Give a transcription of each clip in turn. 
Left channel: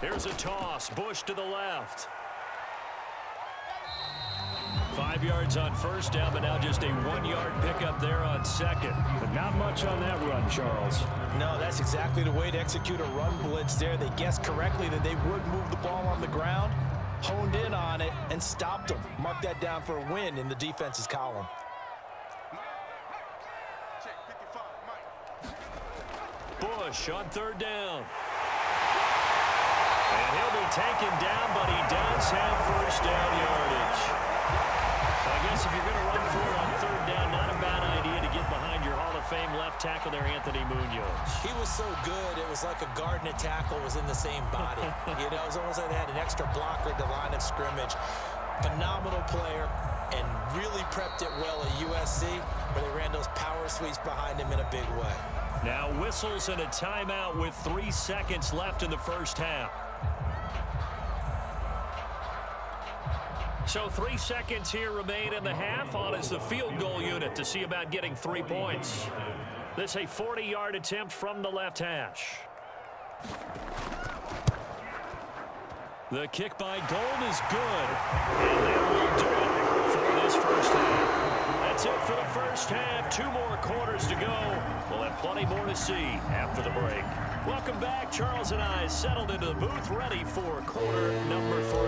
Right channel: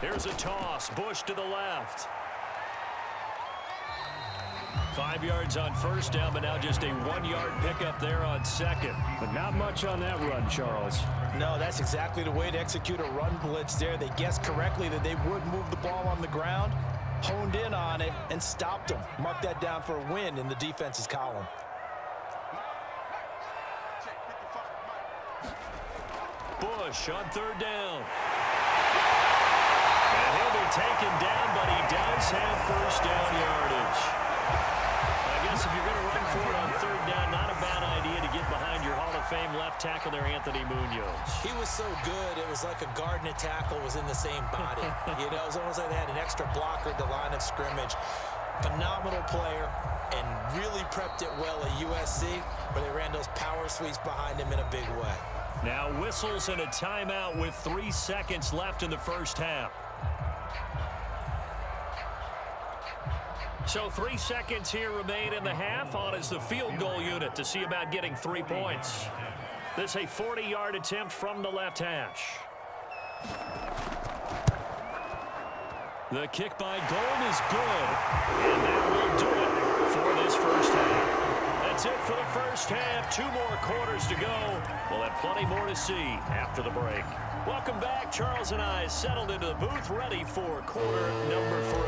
Here's a toss. Bush to the left. 5 yards on first down, but now just a 1-yard pickup there on second. But not much on that run, Charles. No, that's exactly the way to execute a run blitz there. They guessed correctly that they would move the ball on the ground, honed in on it, and stopped them. Mark that down for a win in the defense's column. Bush on third down. And he'll be taken down, but he does have first down yardage. I guess if you're going to run for it on third down, not a bad idea to get behind your Hall of Fame left tackle there, Anthony Munoz. He was so good, it was like a guard and a tackle was in the same body. You know, it was almost like they had an extra blocker at the line of scrimmage. Phenomenal player, and really prepped it well at USC, where they ran those power sweeps behind him in a big way. Now whistles and a timeout with 3 seconds left in the first half. So 3 seconds here remain in the half. On is the field goal unit to see about getting 3 points. This a 40-yard attempt from the left hash. The kick by Gold is good. And that will do it for this first half. That's it for the first half. 2 more quarters to go. We'll have plenty more to see after the break. Welcome back. Charles and I settled into the booth, ready for quarter number 3.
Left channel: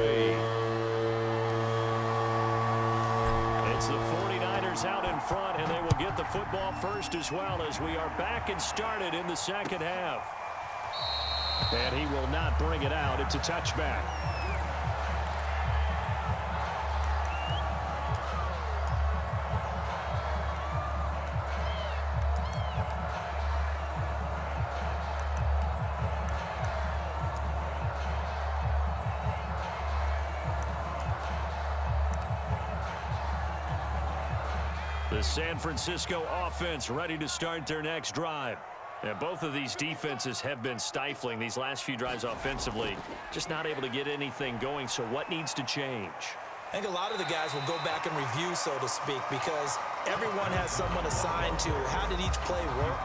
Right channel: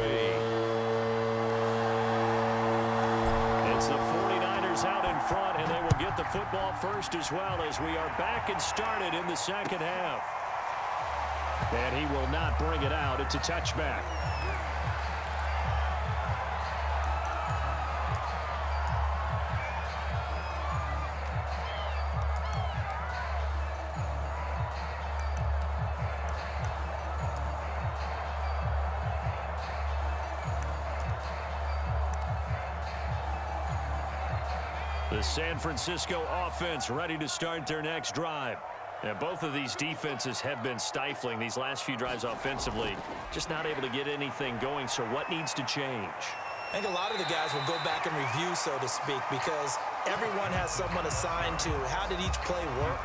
It's the 49ers out in front, and they will get the football first as well as we are back and started in the second half. And he will not bring it out. It's a touchback. The San Francisco offense ready to start their next drive. And both of these defenses have been stifling these last few drives offensively. Just not able to get anything going, so what needs to change? I think a lot of the guys will go back and review, so to speak, because everyone has someone assigned to how did each play work.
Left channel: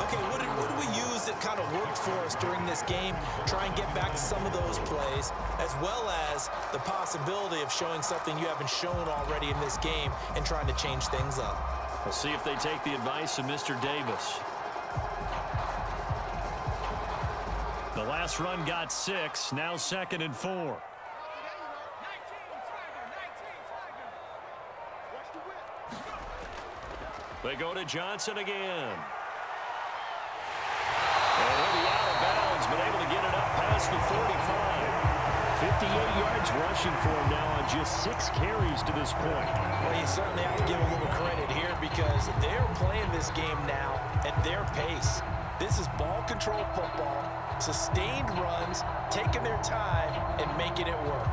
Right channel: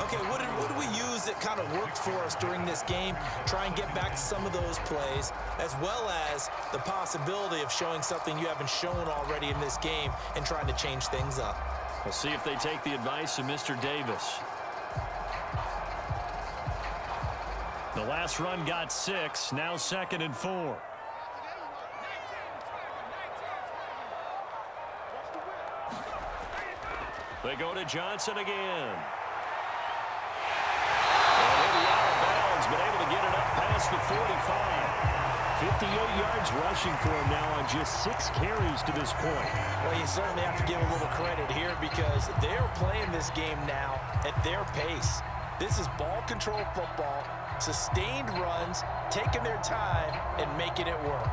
Okay, what did we use that kind of worked for us during this game? Try and get back to some of those plays, as well as the possibility of showing something you haven't shown already in this game and trying to change things up. We'll see if they take the advice of Mr. Davis. The last run got 6, now 2nd and 4. They go to Johnson again. And he'll be out of bounds, but able to get it up past the 45. 58 yards rushing for him now on just 6 carries to this point. Well, you certainly have to give a little credit here because they're playing this game now at their pace. This is ball control football, sustained runs, taking their time, and making it work.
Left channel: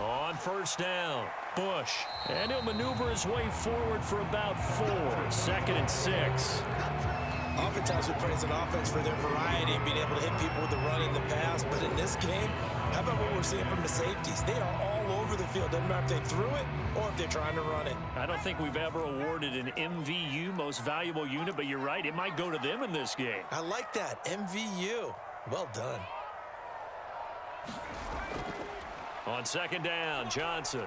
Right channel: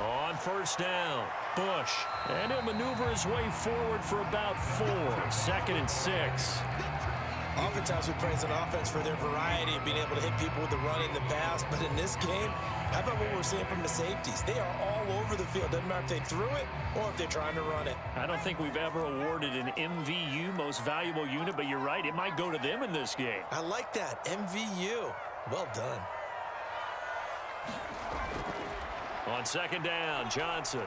On first down, Bush. And he'll maneuver his way forward for about 4. 2nd and 6. Oftentimes we praise an offense for their variety and being able to hit people with the run in the pass. But in this game, how about what we're seeing from the safeties? They are all over the field. Doesn't matter if they threw it or if they're trying to run it. I don't think we've ever awarded an MVU, most valuable unit, but you're right. It might go to them in this game. I like that. MVU. Well done. On 2nd down, Johnson.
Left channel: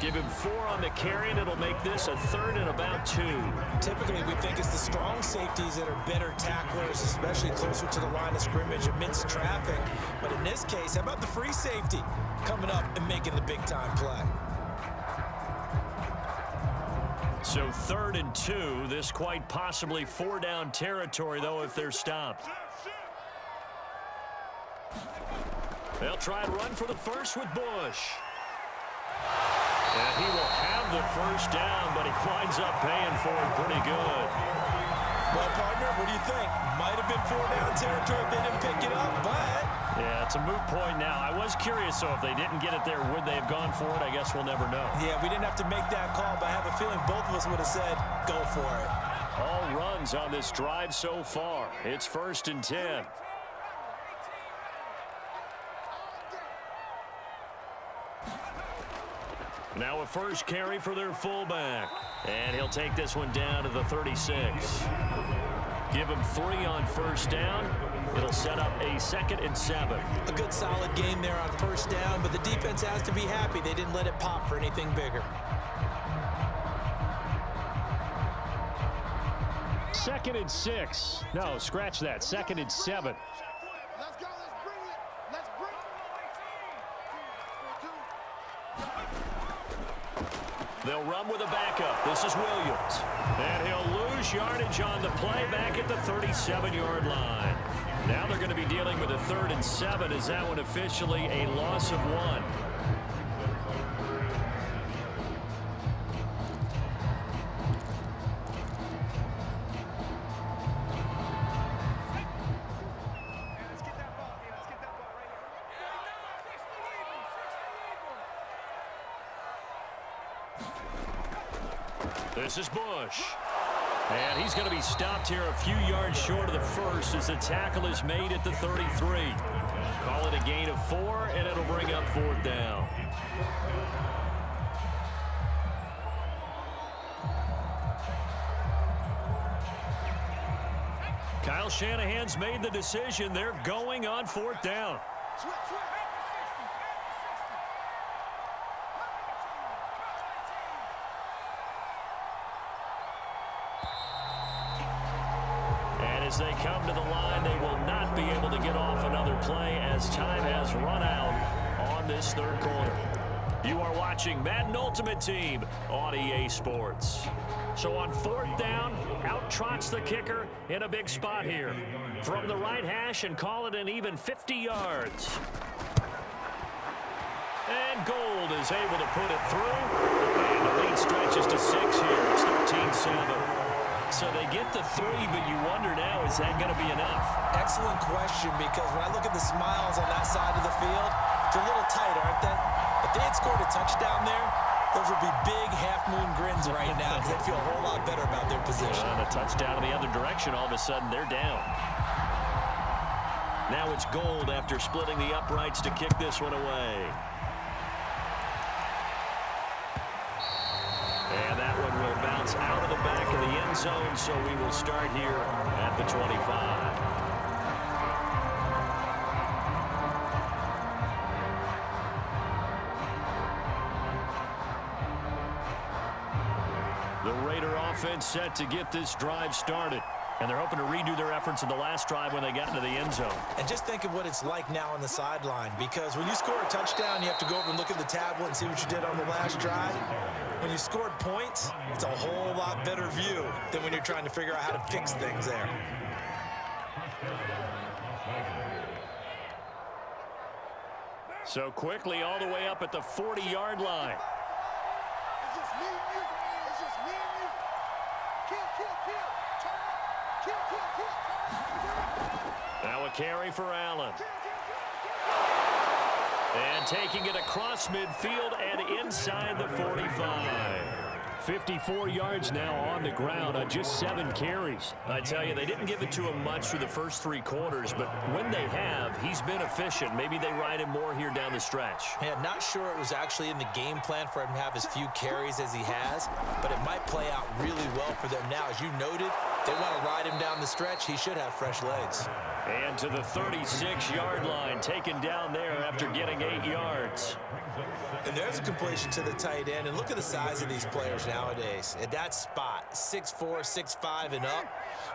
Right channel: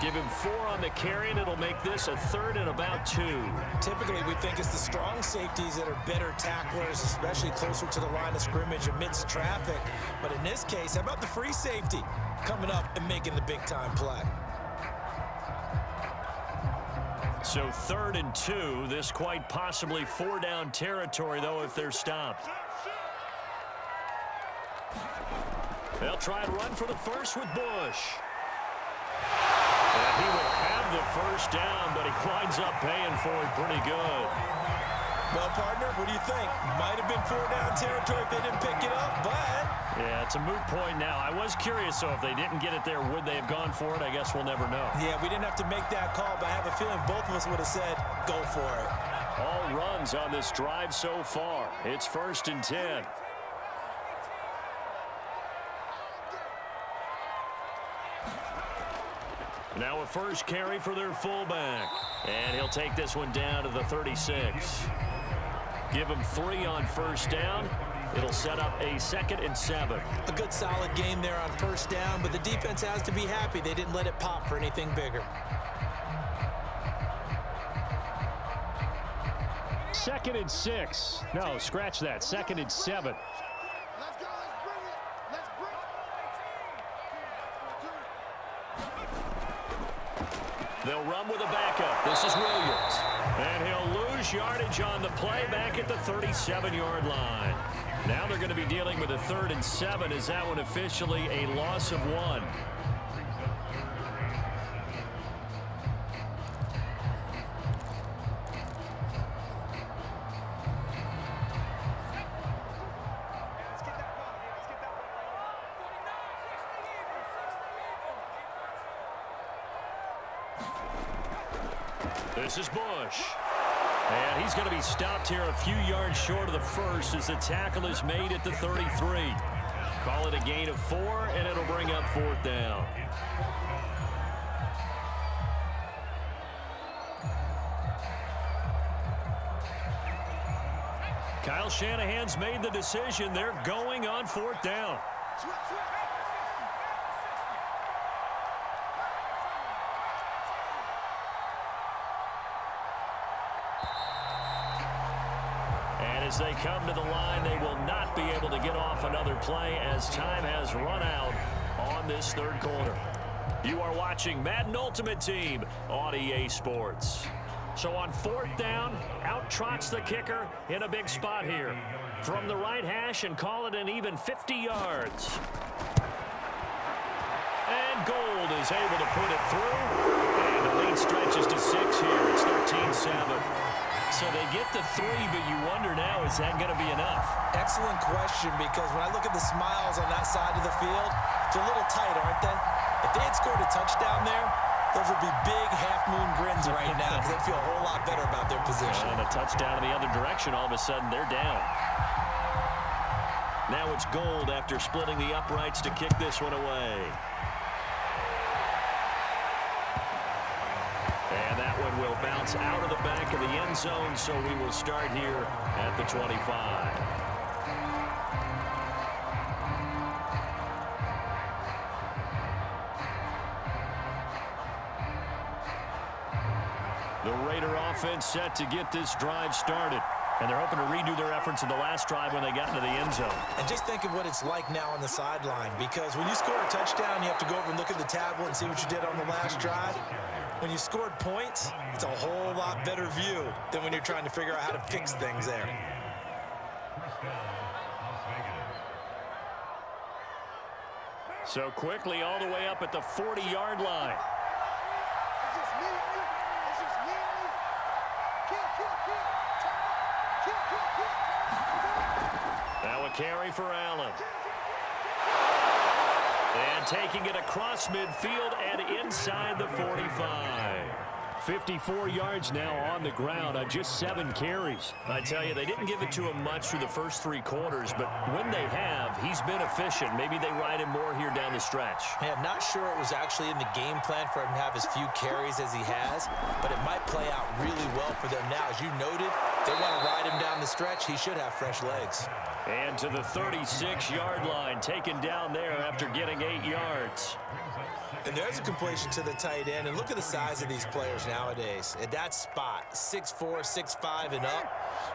Give him 4 on the carry, and it'll make this a 3rd and about 2. Typically, we think it's the strong safeties that are better tacklers, especially closer to the line of scrimmage amidst traffic. But in this case, how about the free safety coming up and making the big-time play? So 3rd and 2. This quite possibly 4-down territory, though, if they're stopped. They'll try and run for the first with Bush. And he will have the first down, but he winds up paying for it pretty good. Well, partner, what do you think? Might have been 4-down territory if they didn't pick it up, but... Yeah, it's a moot point now. I was curious, so if they didn't get it there, would they have gone for it? I guess we'll never know. Yeah, we didn't have to make that call, but I have a feeling both of us would have said, go for it. All runs on this drive so far. It's 1st and 10. Now a first carry for their fullback. And he'll take this one down to the 36. Give him 3 on first down. It'll set up a 2nd and 7. A good solid game there on first down, but the defense has to be happy they didn't let it pop for anything bigger. 2nd and 6. No, scratch that. 2nd and 7. Let's go. Let's bring it. Let's bring it. They'll run with a backup. This is Williams. And he'll lose yardage on the play back at the 37-yard line. Now they're going to be dealing with a 3rd and 7. Is that one officially a loss of 1? This is Bush. And he's going to be stopped here a few yards short of the first as the tackle is made at the 33. Call it a gain of 4, and it'll bring up 4th down. Kyle Shanahan's made the decision. They're going on 4th down. And as they come to the line, they will not be able to get off another play as time has run out on this 3rd quarter. You are watching Madden Ultimate Team on EA Sports. So on 4th down, out trots the kicker in a big spot here. From the right hash and call it an even 50 yards. And Gold is able to put it through. And the lead stretches to 6 here. It's 13-7. So they get the 3, but you wonder now, is that going to be enough? Excellent question, because when I look at the smiles on that side of the field, they're a little tight, aren't they? If they had scored a touchdown there, those would be big half-moon grins right now because they'd feel a whole lot better about their position. And a touchdown in the other direction, all of a sudden they're down. Now it's Gold after splitting the uprights to kick this one away. And that one will bounce out of the back of the end zone, so we will start here at the 25. The Raider offense set to get this drive started. And they're hoping to redo their efforts in the last drive when they got into the end zone. And just think of what it's like now on the sideline, because when you score a touchdown, you have to go over and look at the tablet and see what you did on the last drive. When you scored points, it's a whole lot better view than when you're trying to figure out how to fix things there. So quickly all the way up at the 40-yard line. It's just me and you. It's just me and you. Kill. Turn up. Kill. Turn up. Now a carry for Allen. And taking it across midfield and inside the 45. 54 yards now on the ground on just 7 carries. I tell you, they didn't give it to him much through the first 3 quarters, but when they have, he's been efficient. Maybe they ride him more here down the stretch. Yeah, not sure it was actually in the game plan for him to have as few carries as he has, but it might play out really well for them now. As you noted, they want to ride him down the stretch. He should have fresh legs. And to the 36-yard line, taken down there after getting 8 yards. And there's a completion to the tight end. And look at the size of these players nowadays. At that spot, 6'4", 6'5", and up.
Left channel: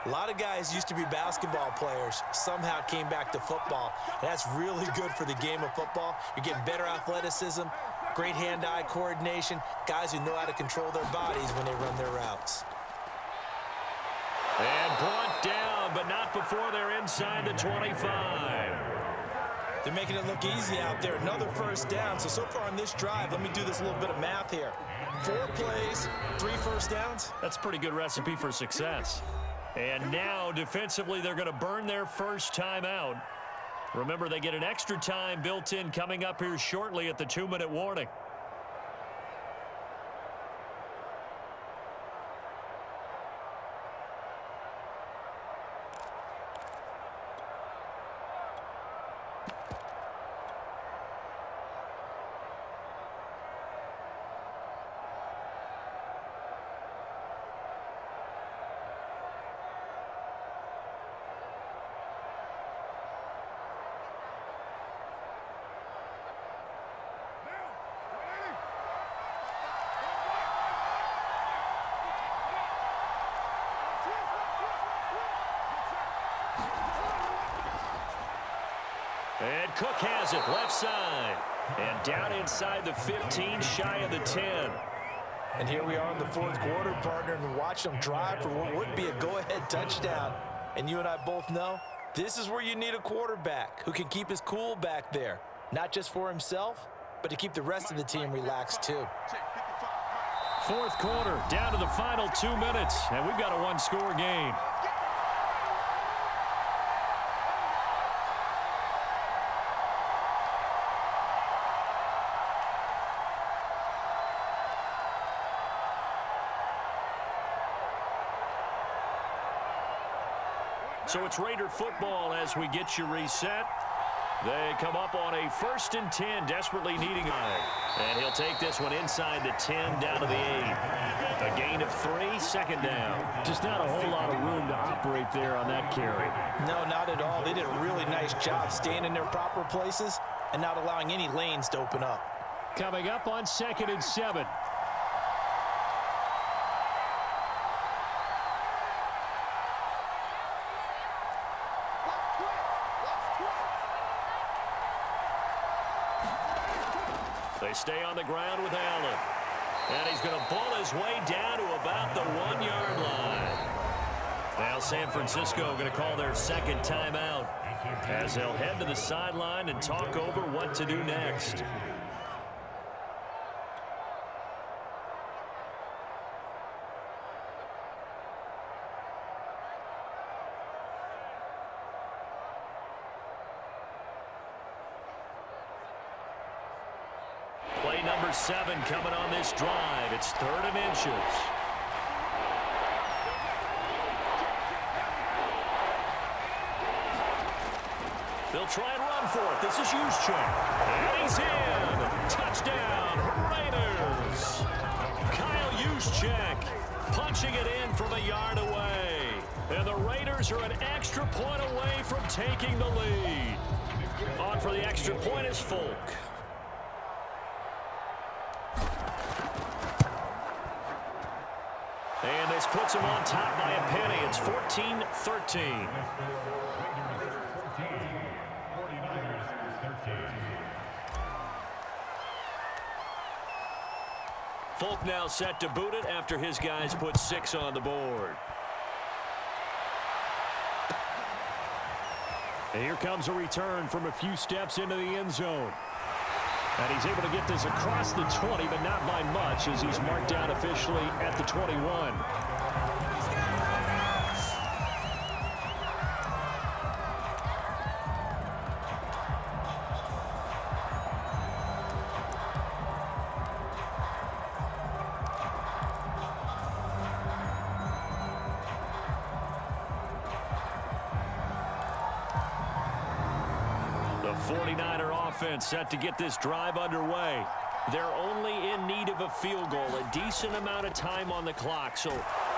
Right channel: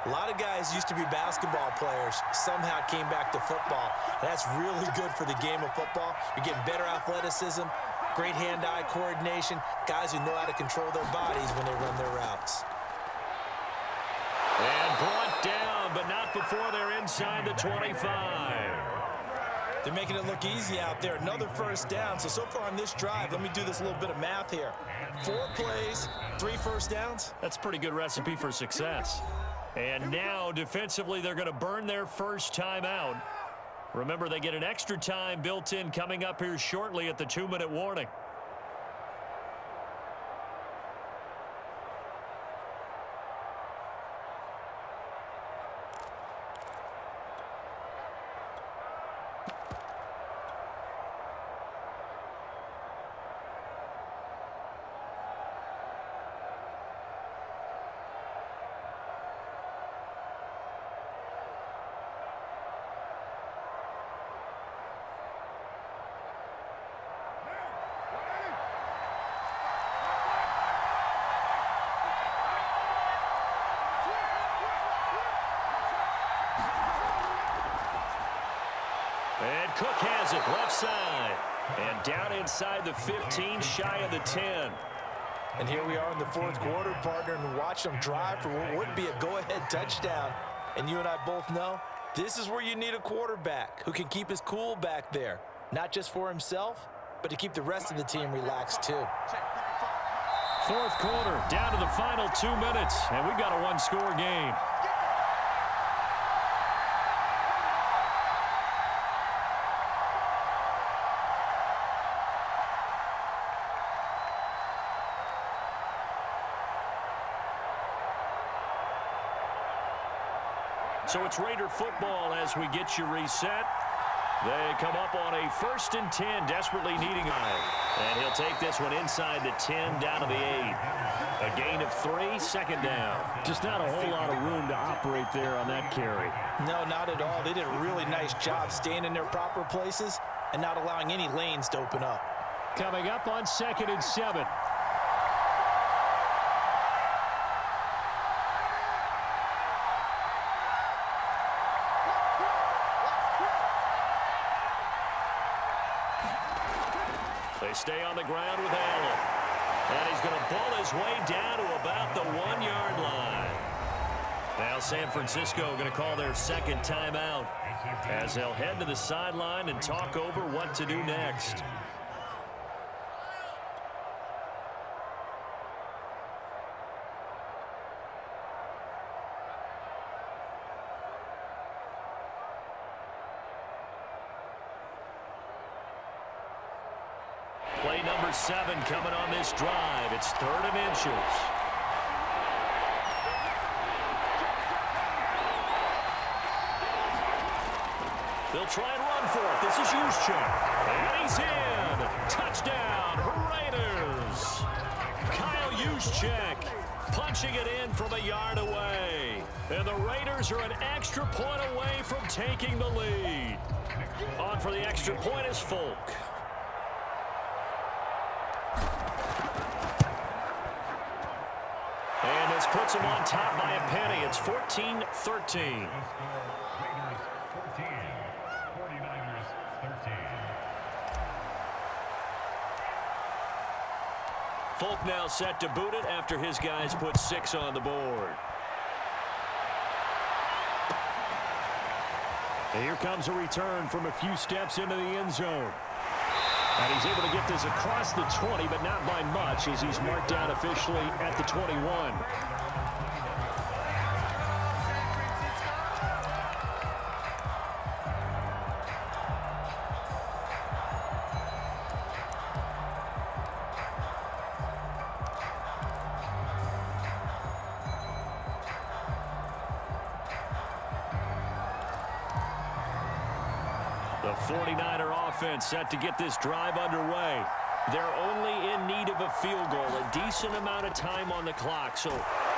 A lot of guys used to be basketball players, somehow came back to football. And that's really good for the game of football. You're getting better athleticism, great hand-eye coordination, guys who know how to control their bodies when they run their routes. And brought down, but not before they're inside the 25. They're making it look easy out there. Another first down. So far on this drive, let me do this little bit of math here. 4 plays, 3 first downs. That's a pretty good recipe for success. And now, defensively, they're going to burn their first time out. Remember, they get an extra time built in coming up here shortly at the 2-minute warning. And Cook has it left side. And down inside the 15, shy of the 10. And here we are in the fourth quarter, partner, and watch them drive for what would be a go-ahead touchdown. And you and I both know this is where you need a quarterback who can keep his cool back there, not just for himself, but to keep the rest of the team relaxed too. Fourth quarter, down to the final 2 minutes, and we've got a one-score game. So it's Raider football as we get you reset. They come up on a 1st and 10, desperately needing a. And he'll take this one inside the 10, down to the 8. A gain of 3, second down. Just not a whole lot of room to operate there on that carry. No, not at all. They did a really nice job staying in their proper places and not allowing any lanes to open up. Coming up on 2nd and 7. They stay on the ground with Allen. And he's going to ball his way down to about the 1-yard line. Now San Francisco going to call their second timeout as they'll head to the sideline and talk over what to do next. Play number 7 coming on this drive. It's 3rd and inches. They'll try and run for it. This is Juszczyk. And he's in. Touchdown, Raiders. Kyle Juszczyk punching it in from a yard away. And the Raiders are an extra point away from taking the lead. On for the extra point is Folk. And this puts him on top by a penny. It's 14-13. Folk now set to boot it after his guys put 6 on the board. And here comes a return from a few steps into the end zone. And he's able to get this across the 20, but not by much, as he's marked down officially at the 21. The 49er offense set to get this drive underway. They're only in need of a field goal, a decent amount of time on the clock. So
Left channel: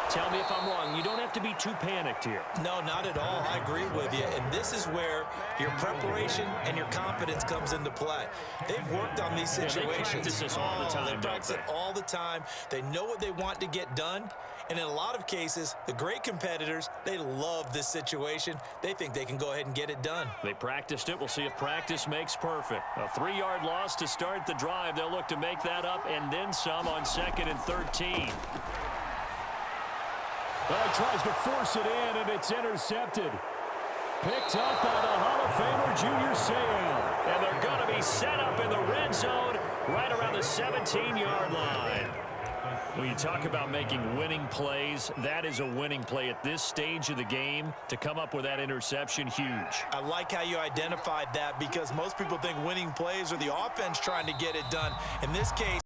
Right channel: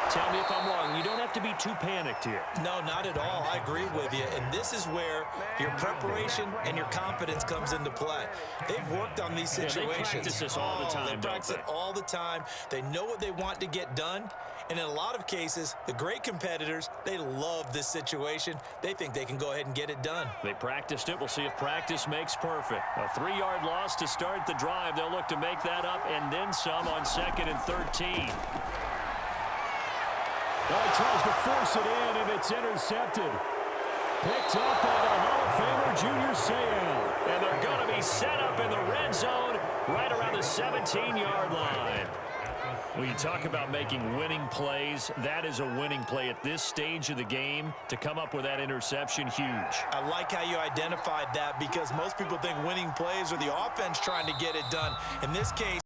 tell me if I'm wrong. You don't have to be too panicked here. No, not at all. I agree with you. And this is where your preparation and your confidence comes into play. They've worked on these situations. Yeah, they practice this all the time. They practice it all the time. They know what they want to get done. And in a lot of cases, the great competitors, they love this situation. They think they can go ahead and get it done. They practiced it. We'll see if practice makes perfect. A 3-yard loss to start the drive. They'll look to make that up and then some on 2nd and 13. Oh, he tries to force it in, and it's intercepted. Picked up by the Hall of Famer, Junior Seau. And they're going to be set up in the red zone right around the 17-yard line. When you talk about making winning plays, that is a winning play at this stage of the game. To come up with that interception, huge. I like how you identified that, because most people think winning plays are the offense trying to get it done. In this case,